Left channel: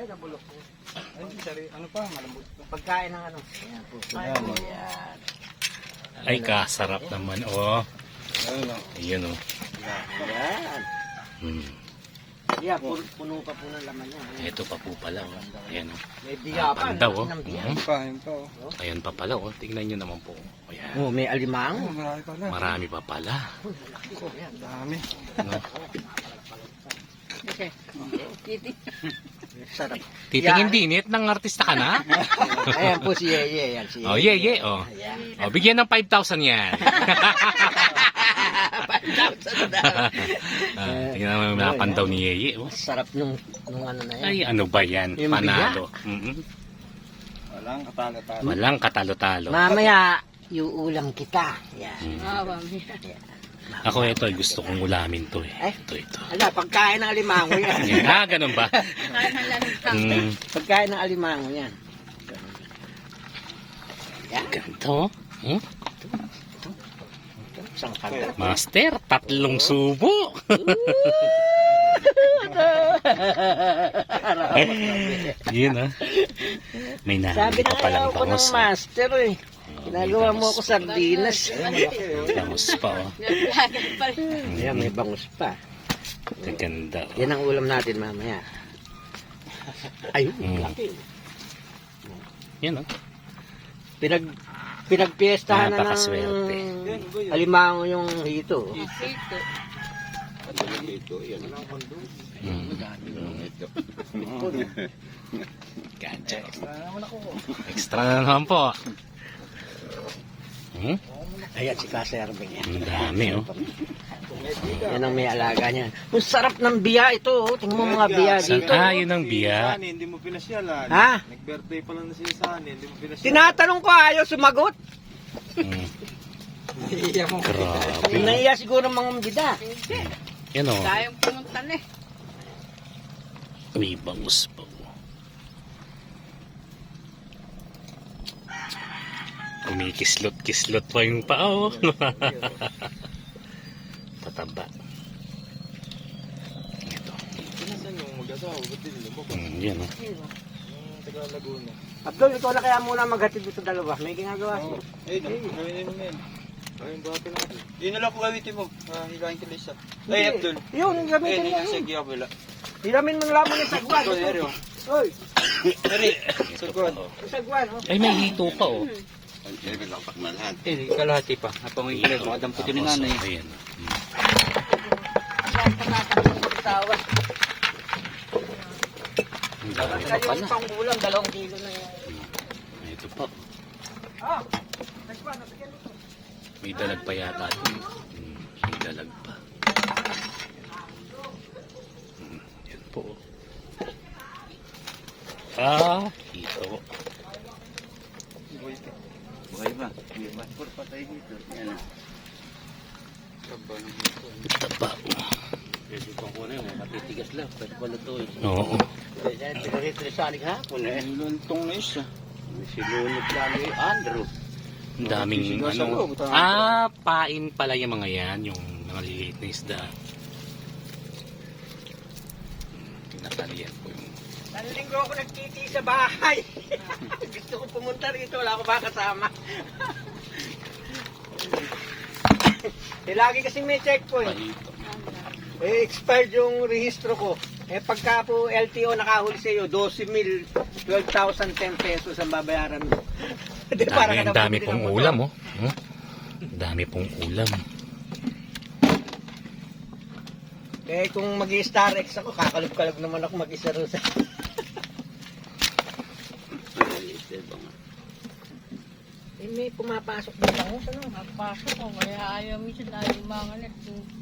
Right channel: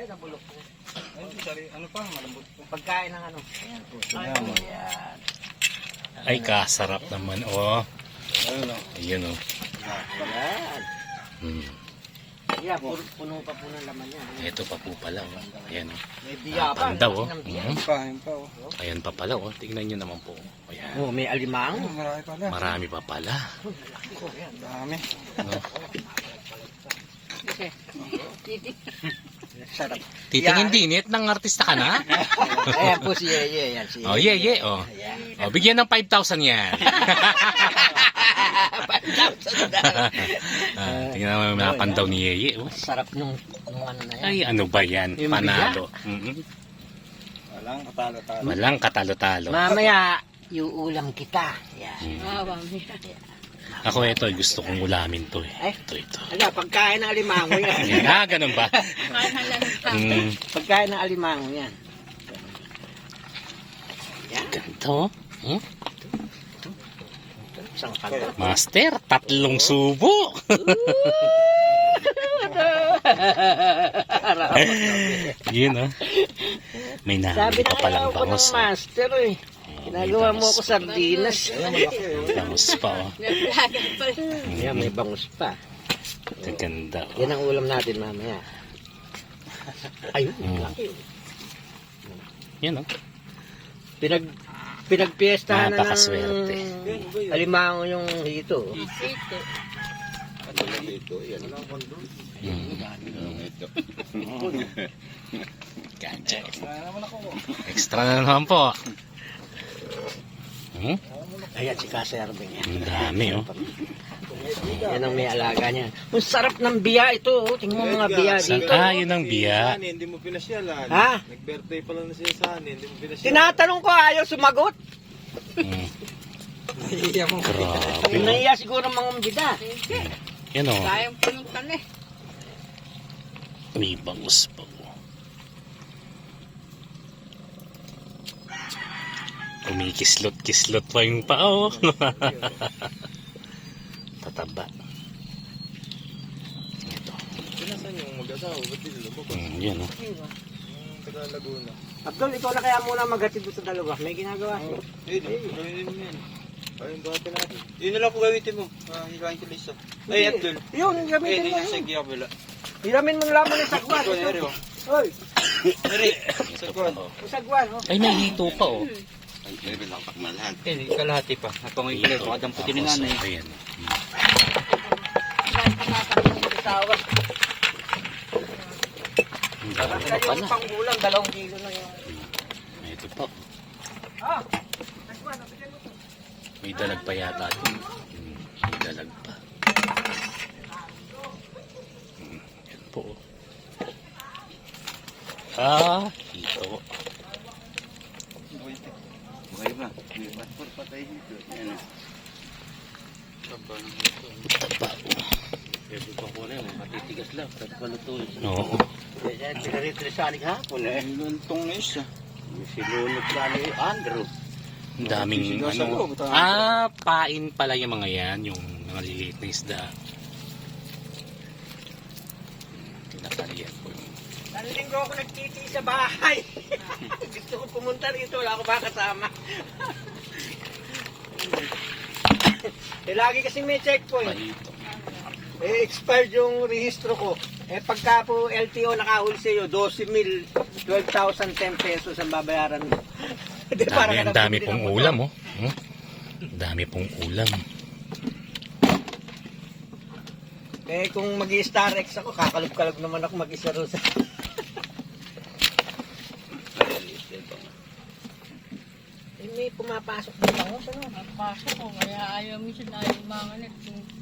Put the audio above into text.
Ay, nabulok po. Ay, sari, ano pa, malambot Pagkain ng ano. Ayan po. Ayan. Ay, kasarap naman, Oh. Ayan, o. Oh. Ayun Hmm. Yeah, puno, puno pa po ng laman niya. Ito pa po pala, o. Oh. Ayan, o. Oh. Ah, panda, o. Oh. Ayan pa pala, Oh. Tingnan niyo naman po. Ayan. Oh, may alimang. Marami pa pala. Marami oh. pa pala. Uy, malaki. Marami. Okay. Titi sarap. Titingin yeah. dinit ng artista ka na? Ayan po si Yeye. Ye, yan, si oh, Yeye. Ye, ye. oh. Ye -ye. Oh. Yeah. oh, bigyan ng 5,000 yan. 5,000 na. uh, tingnan mo yung oh, ni Yeye. Oh. Sarap yung kung ano na yan. Ay, ano ba yan? Yung Mhm. Yun? Mm -hmm. Walang katalo-talo. Walang katalo-talo. Mamaya, iuulam kita. Yeah. Mm -hmm. Oh, mamaya. Wow. Yeah. Ako ito, gusto kong ulamin to eh. Ay, ito, ito. Ano, pagkain ng alimango yan. ah, ganun ba? mm. pagkain ng alimango yan. yan. Ganito. Hmm? Huh? Master, tatlong subo. Yun ah. May nahan pa palang bangos. Sabi na lang ako ng master eh. Ginagawa mo ako sardinas. Sa bangus pa. Ayan, may bangus pa. Ang ganda. Yan ang ulam natin mamaya. Ayun. Mm. Okay. Mm. Yan o. No? Pinag... Pinagpiesta ah, na ng... Napakaswerte. Mm. Alimaho yung hito. Hito. ito? Yan lang kondong. Ganyan. Ganyan. Extra na naman ako. Extra na naman po. Hmm? Ayan si Kaser niya. Ang dami oh. uh, yan ang may alaga niya. Ang sarap ng biya ito. Oh. Tingnan mo mga Redia. biya. San dito. Saan kayo ng biya? Hindi mo pinasyalan. Ha? Nag-birthday pa lang na siya sa akin. Hindi mo pinasyalan. Tinatanong ko ayaw sumagot. Hmm. Grabe. Naiya siguro ng mga mga Yan o. Kayang pinuntan eh. May bangus kumikislot kislot pa yung pao tataba ito hmm, yan o oh. Abdul, ito wala kaya muna maghatid mo sa dalawa. May ginagawa siya. Oh, eh, eh, ayun yun yun. Ayun ba natin? na lang po gawitin mo. Ah, hilahin ka lisa. Ay, Abdul. Yun, gamitin mo yun. Sige, Abdul. Hiramin mo nalaman ng sagwan. Oy. Sari, sagwan. Sagwan, oh. Ay, may hito pa, oh. Mm. Kailangan. Eh, kalahati pa. At pang ito, ito, adam po tinungan na yun. Ayan. Ang dami na pala. Ang dami na pala. Hmm. May dalag pa yata. May dalag ah. hmm. pa. Hmm. Yan po. Ah, ito. Ay, ito. Buhay ba? May paspor pa tayo dito. Yan na. Taba ng ito. Taba. Pwede ko po rin. Matitigas Oo. Pwede yan. Pinaritresanig ha? Pwede. Ang luntong na Si Lunod na Andrew. Ang daming, daming ano, ano. Ah, pain pala yung mga yan. Yung mga liliit na isda. ko yung Nalilinggo ako nagtiti sa bahay. Gusto ko pumunta rito, wala ko ba kasama. eh, lagi kasi may checkpoint. Eh, expired yung rehistro ko. Eh, pagka po LTO nakahuli sa iyo, 12,000, 12,000, pesos ang babayaran mo. De, dami, ang dami pong ulam, na. oh. Hmm? Dami pong ulam. Eh, kung mag-star X ako, kakalup-kalup naman ako mag-isa rin Diba? Eh, may pumapasok din ako. Ano? Pumapasok ako. Kaya ayaw mo siya dahil mga nga